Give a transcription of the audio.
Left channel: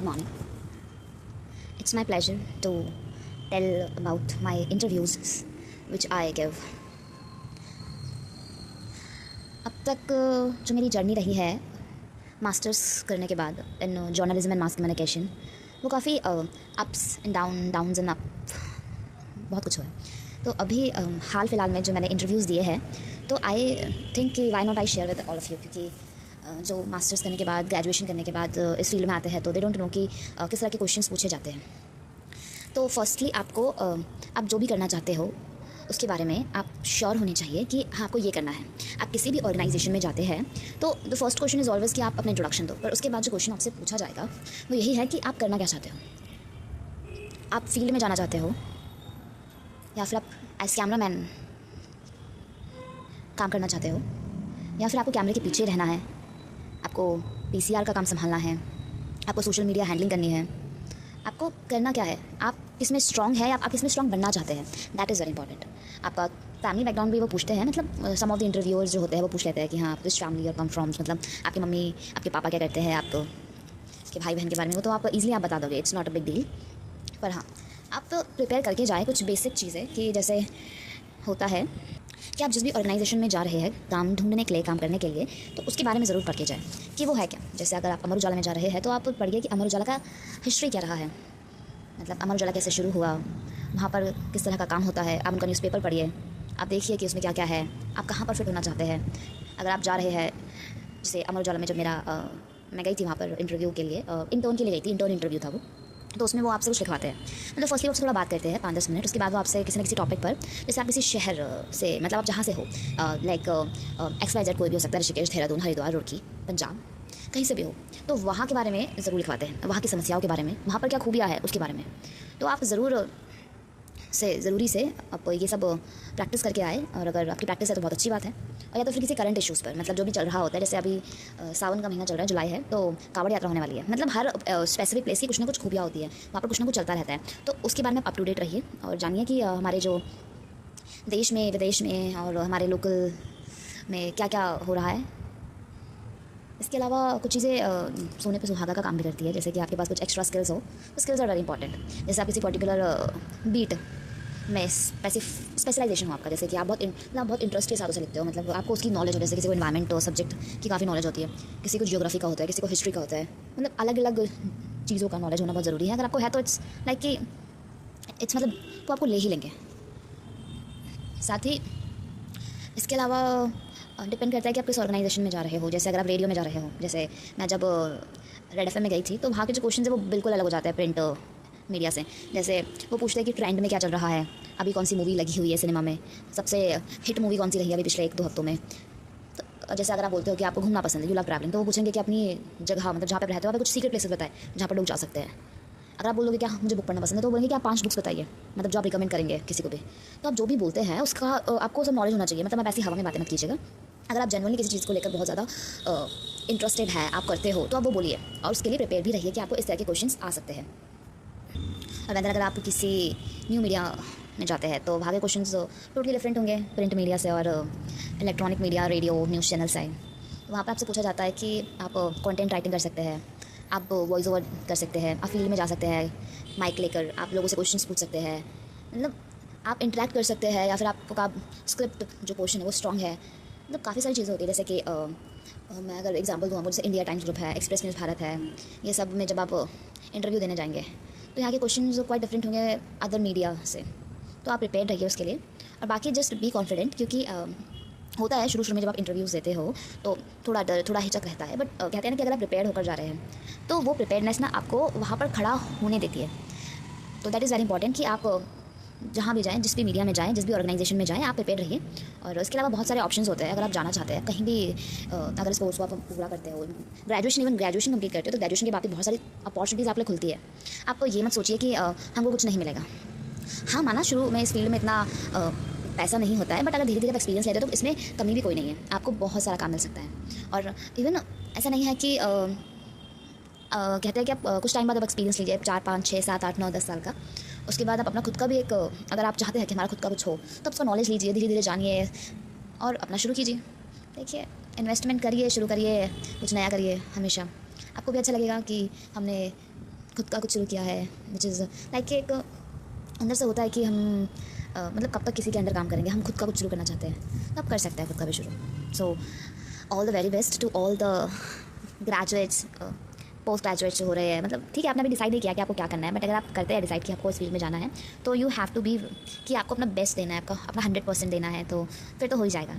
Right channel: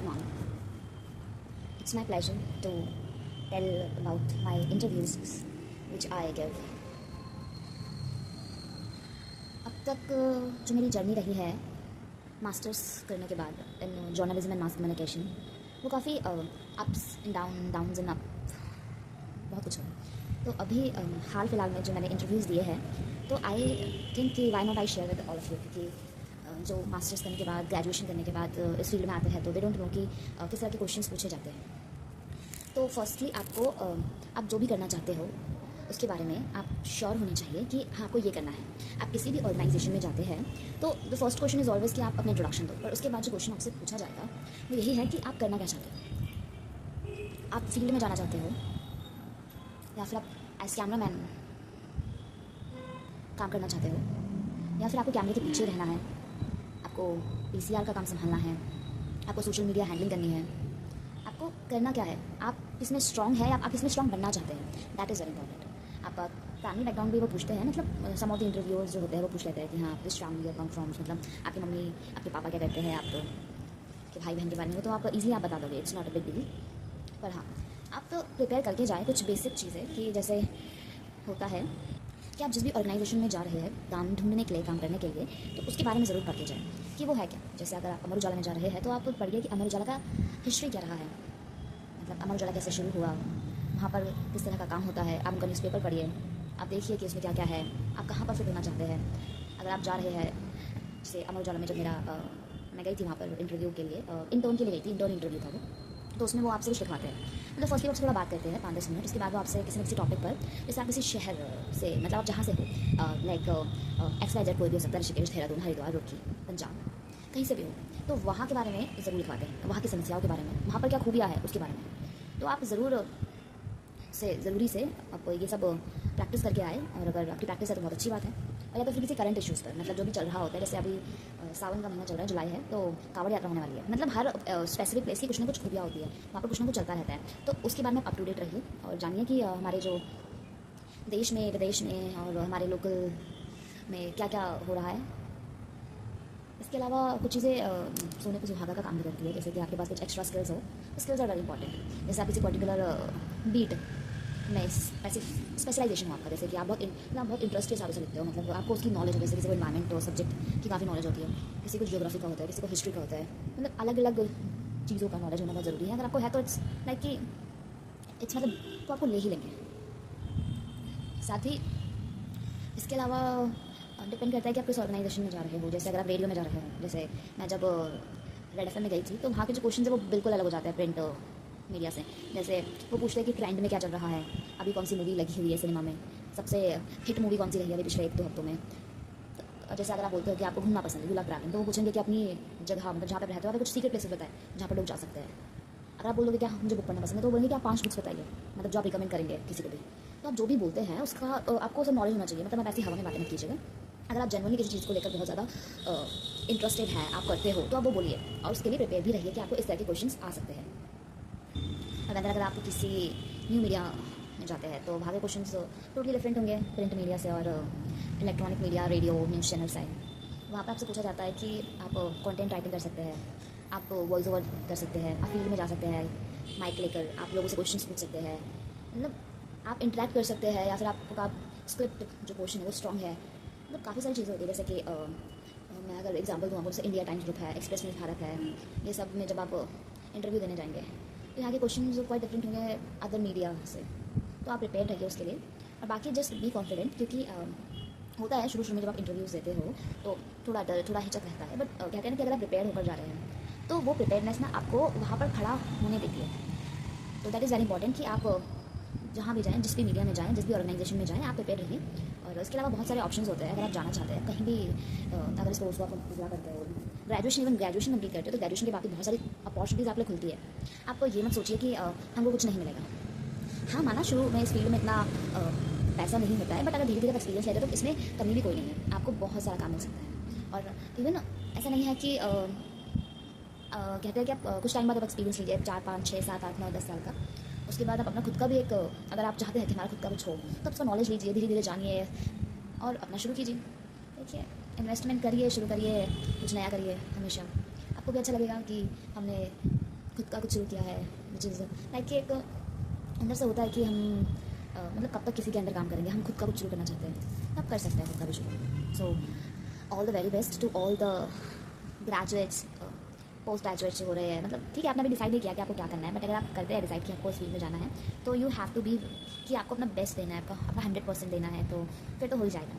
Good morning. It's my pleasure to tell about my interviews which I give. अब तक जो मेरी journey रही है मास्टर्स करने के बाद in journalism and mass communication, वो काफ़ी ups and downs and up बहुत कुछ हुआ है। तो अभी हाल फिलहाल में जो मैंने इंटरव्यूज़ दिए हैं, तो आई थिंक कि why not I share with all of you, क्योंकि जो मास्टर्स करने के बाद, ग्रेजुएशन करने के बाद इस फील्ड में आते हैं तो दे डोंट नो कि किस तरह के क्वेश्चंस पूछे जाते हैं। तो फर्स्टली आपको आप जो भी करना चाहते हो उसके बारे में आप श्योर होने चाहिए कि हाँ आपको ये करना है। आप किसी भी ऑर्गेनाइजेशन में जाते हैं तो the first question is always कि आप अपने इंट्रोडक्शन दो, पर उसके बाद जो क्वेश्चन आपसे पूछा जाएगा वो यही है कि आप करना क्या चाहते हो। आप फील्ड में जाना चाहते हो या फिर आप एज कैमरामैन काम करना चाहते हो, या फिर आपको कैमरे के पीछे रहना है, आपको पीसीआर का काम संभालना है, आपको सोशल मीडिया हैंडलिंग करनी है, आपको करना क्या है, आप किसमें स्ट्रॉन्ग है या आप किसमें स्ट्रॉन्ग बनना चाहते हैं। That is very important. आपका फैमिली बैकग्राउंड भी वो पूछते हैं, मतलब सम ऑफ द इंटरव्यूअर्स जो होते हैं वो पूछ लेते हैं कि हाँ दिस फैमिली और कम फ्रॉम, मतलब आपकी मम्मी आपके पापा क्या करते हैं, आप इसके भाई बहन के बारे में, वो तो आप ईजिली आप बता दोगे, it's not a big deal. पर हाँ आप प्रिपेयर करके जाएँ कुछ बेसिक चीज़ें, कि जैसे होता है कि आप जिस भी ऑर्गेनाइजेशन में जा रहे हैं काम ढूंढने के लिए, काम करने के लिए, तो उसके बारे में ज़रूर पढ़ के जाएँ कि वो है क्या। जैसे अगर आप अमर उजाला में जा रहे हैं तो आप पढ़िए कि अमर उजाला का हिस्ट्री क्या रहा है, मतलब अमर उजाला कैसे शुरू हुआ, वहाँ पर किस तरह का काम होता है। आप उनका न्यूज़पेपर पढ़िए, आप देखिए कि उसमें क्या क्या है, आप कहाँ पर फिट होना चाहते हैं। अगर आप जा रहे हैं, जैसे अमर उजाला में जब मैं गई थी वहाँ पर इंटरव्यू के लिए, इंटर्न के लिए गई थी, इंटर्न इंटरव्यू था वो, तो उसमें वो आपसे कुछ लिखवाते हैं। मतलब फर्स्टली वो थोड़ा बात करते हैं 5-10 मिनट, उसके बाद वो आपसे किसी न किसी टॉपिक पर, जैसे आप किसी शहर से, मतलब आप जहाँ से हो, लाइक XYZ कोई भी हो सकता है, ऋषिकेश, देहरादून, हरिद्वार, रुड़की, पंजाब, कहीं से भी हो, तो वहाँ के बारे में ज़रूर लिखवाते हैं, वहाँ की समस्याओं के बारे में, वहाँ पर क्या खूबियाँ है उसके बारे में। तो आप ज़रूरी से आप ये सब प्रैक्टिस करके आए, और अगर आपकी प्रैक्टिस है तो बहुत अच्छी बात है। और या तो फिर किसी करंट इश्यूज़ पर, मतलब जो भी चल रहा होता है, जैसे अभी सावन का महीना चल रहा है, जुलाई है, तो कांवड़ यात्रा होने वाली है। मतलब हर स्पेसिफिक प्लेस की कुछ ना कुछ खूबियाँ होती है, वहाँ पर कुछ ना कुछ चलता रहता है, तो उसके बारे में आप अप टू डेट रहिए और जानिए कि हमारे जो देश में, विदेश में और हमारे लोकल में क्या क्या हो रहा है। इसके अलावा कुछ चीज़ें सोने पे सुहागा का काम भी करती है, जैसे कि आपके पास कुछ एक्स्ट्रा स्किल्स हो, तो स्किल्स आर वेरी इंपॉर्टेंट। जैसे आप किसी पर्टिकुलर बीट में स्पेशलाइजेशन हो आपका, जैसे कि आप बहुत इंटरेस्ट के हिसाब से लिखते हो, मतलब आपको उसकी नॉलेज हो, जैसे किसी को इन्वायरमेंट सब्जेक्ट की काफ़ी नॉलेज होती है, किसी को जियोग्राफी का होता है, किसी को हिस्ट्री का होता है, मतलब अलग अलग चीज़ों का नॉलेज होना बहुत ज़रूरी है। अगर आपको है तो इट्स लाइक कि इट्स मतलब वो आपको ले ही लेंगे। साथ ही इसके अलावा डिपेंड करता है कि आप किस ऑर्गेनाइजेशन में जा रहे हो। जैसे अगर आप रेडियो में जा रहे हो, जैसे मैं जब रेड एफएम में गई थी, तो वहाँ के जो क्वेश्चन है वो बिल्कुल अलग हो जाता है प्रिंट मीडिया से। जैसे वो पूछते हैं कि ट्रेंड में क्या चल रहा है, अभी कौन सी मूवी लगी हुई है सिनेमा में, सबसे हिट मूवी कौन सी रही है अभी पिछले 1-2 हफ्तों में। तो जैसे अगर आप बोलते हो कि आपको घूमना पसंद है, यू लव ट्रैवलिंग, तो वो पूछेंगे कि अपनी जगह, मतलब जहाँ पे रहते हो, आप कुछ सीक्रेट प्लेसेस बताएं जहाँ पर लोग जा सकते हैं। अगर आप बोलोगे क्या मुझे बुक पढ़ना पसंद है, तो बोलेंगे कि आप 5 बुक्स बताइए, मतलब जो आप रिकमेंड करेंगे किसी को भी। तो आप जो भी बोलते हैं उसका आपको सब नॉलेज होना चाहिए, मतलब आप ऐसी हवा में बातें मत कीजिएगा। अगर आप जनरली किसी चीज़ को लेकर बहुत ज़्यादा इंटरेस्टेड हैं, आप करते हो, तो आप वो बोलिए, और उसके लिए प्रिपेयर भी रहिए कि आपको इस तरह के क्वेश्चंस आ सकते हैं। और अगर आप किसी न्यू मीडिया में जाते हैं तो वहाँ के क्वेश्चन टोटली डिफरेंट होंगे प्रिंट मीडिया से और electronic media, radio, news channel से। वहाँ पर आपसे पूछा जाता है कि आप कंटेंट राइटिंग कर सकते हैं, आप वॉइस ओवर कर सकते हैं, आप फील्ड में जा सकते हैं, माइक लेकर आप लोगों से क्वेश्चंस पूछ सकते हैं, मतलब आप इंटरेक्ट कर सकते हैं, या फिर आपका स्क्रिप्ट जो क्वेश्चन है वो स्ट्रॉन्ग है। मतलब काफ़ी सारी चीज़ें होती है, जैसे कि मैं अगर एग्जांपल दूँ, जैसे इंडिया टाइम्स ग्रुप है, एक्सप्रेस न्यूज़ भारत है, ये सब में जब आप इंटरव्यू देने जाएंगे तो यहाँ के क्वेश्चन क्वाइट डिफरेंट होंगे अदर मीडिया से, तो आप प्रिपेयर रहिए उसके लिए। और बाकी जस्ट बी कॉन्फिडेंट, क्योंकि होता है शुरू में जब आप इंटरव्यूज़ देते हो तो थोड़ा डर, थोड़ा हिचक रहता है, बट कहते हैं ना कि अगर आप प्रिपेयर होकर जा रहे हैं तो वो प्रिपेयरनेस ना आपको वहाँ पर खड़ा होने देती है। तो दैट इज़ वेरी इंपॉर्टेंट कि आप जहाँ भी जाएँ, जिस भी मीडिया में जाएँ, जिस भी ऑर्गेनाइजेशन में जाएँ, आप प्रिपेयर रहिए। और इसके अलावा बहुत सारे ऑप्शंस होते हैं, अगर आप जाना चाहते हैं कहीं भी, अगर इस कोर्स को आप पूरा करते हो, ग्रेजुएशन कंप्लीट करते हो, तो ग्रेजुएशन के बाद भी बहुत सारी अपॉर्चुनिटीज़ आप लिए खुलती है। आपको ये मत सोचिए कि हमको कुछ नहीं मिलेगा। हाँ, माना शुरू में इस फील्ड में इतना पैसा नहीं होता है, बट अगर धीरे धीरे आप एक्सपीरियंस लेते हो तो इसमें कमी भी कोई नहीं है, आपको बहुत सारा काम मिल सकता है। और इवन ऐसा नहीं है कि कहते हैं कि आप कुछ टाइम बाद आप एक्सपीरियंस लीजिए, 4-5-6-7-8-9-10 साल का, उसके बाद आप अपना खुद का भी एक, अगर आप चाहते हैं कि हमारा खुद का कुछ हो, तो उसका नॉलेज लीजिए, धीरे धीरे जानिए और अपना शुरू कीजिए। देखिए, इन्वेस्टमेंट करिए, शुरू करिए, कुछ नया करिए, हमेशा आपको भी अच्छा लगेगा कि हमने खुद का कुछ शुरू किया है विच इज़ लाइक एक अंदर से होता है कि हम मतलब कब तक किसी के अंडर काम करेंगे, हम खुद का कुछ शुरू करना चाहते हैं, तब कर सकते हैं खुद का भी शुरू। So all the very best to all the graduates, post graduates जो हो रहे हैं। मतलब ठीक है, आपने अभी डिसाइड नहीं किया कि आपको क्या करना है, बट अगर आप करते हैं डिसाइड कि आपको इस फील्ड में जाना है, तो यू हैव टू बी कि आपको अपना बेस्ट देना है, आपका अपना 100% देना है, तो फिर तो हो ही जाएगा।